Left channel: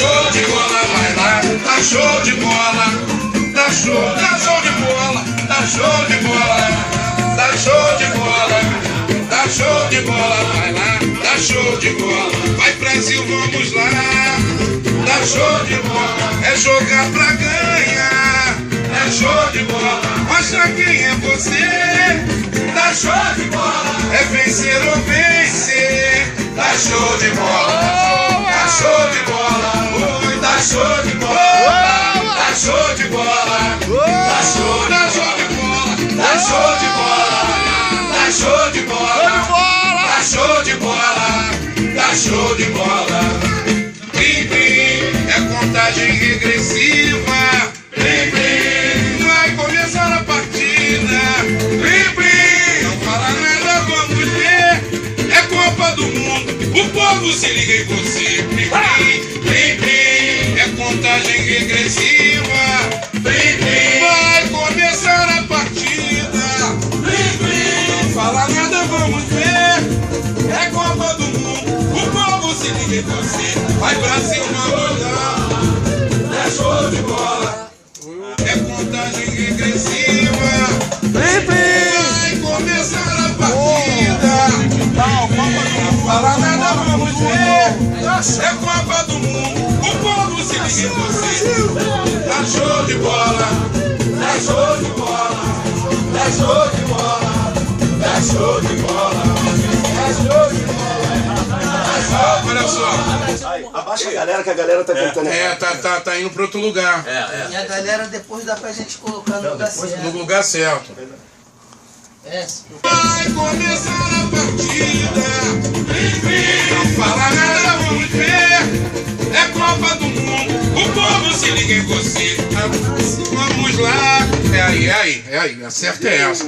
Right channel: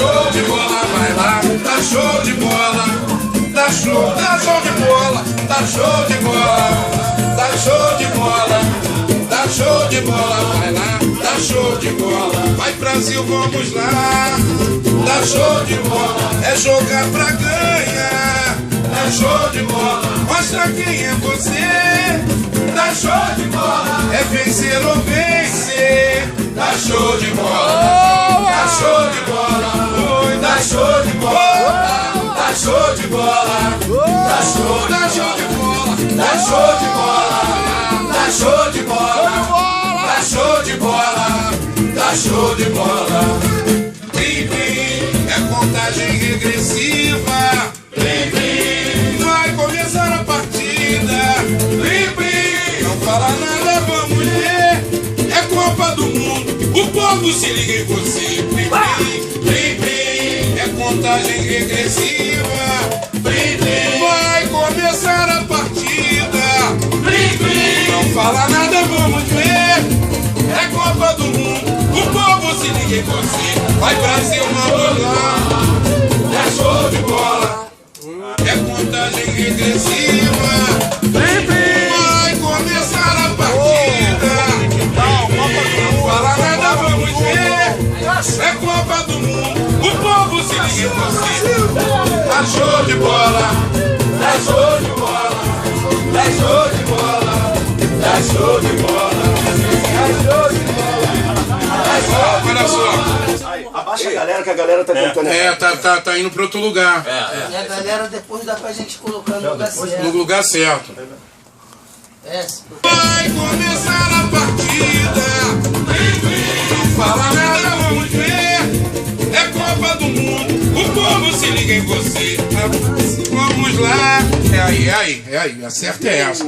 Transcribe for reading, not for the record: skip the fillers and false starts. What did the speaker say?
show de bola, vai lá, tá show de bola, tá show de bola, tá show de bola, tá show de bola, tá show de bola, vai lá, tá show de bola, vai Brasil, vamos lá, tá show de bola, é jogar pra ganhar, é show de bola, mostra quem é você, tá show de bola, é vencer ou vencer, tá show de bola, tá show de bola. Tá show de bola, tá show de bola, tá show de bola, tá show de bola, tá show de bola, tá show de bola, tá show de bola. Blim, blim, é contagem regressiva. Blim, blim, vai começar a partida. Blim, blim, não fala nada, vamos ver. É Copa do Mundo, o povo se liga em você. Blim, blim, blim, blim. É contagem regressiva. Blim, blim. Vai começar a partida. Blim, blim. Não fala nada, vamos ver. É Copa do Mundo, o povo se liga em você. Vai Brasil, vamos lá. É show de bola. É contagem regressiva. Blim, blim. Vai começar a partida. Não fala nada, vamos ver. É Copa do Mundo. O povo se liga em você. Tá show de bola, tá show de bola, tá show de bola, tá show de bola, tá show de bola. Olha só. Abaixa a galera que a galera tá cantando. Tá indo pra outro lugar. E a galera depois dá pra gente colocar no lugar certo. No lugar certo. Vai começar a partida. Não fala nada, vamos ver. É Copa do Mundo, o povo se liga em você. Vamos lá. É aí, acerta é essa.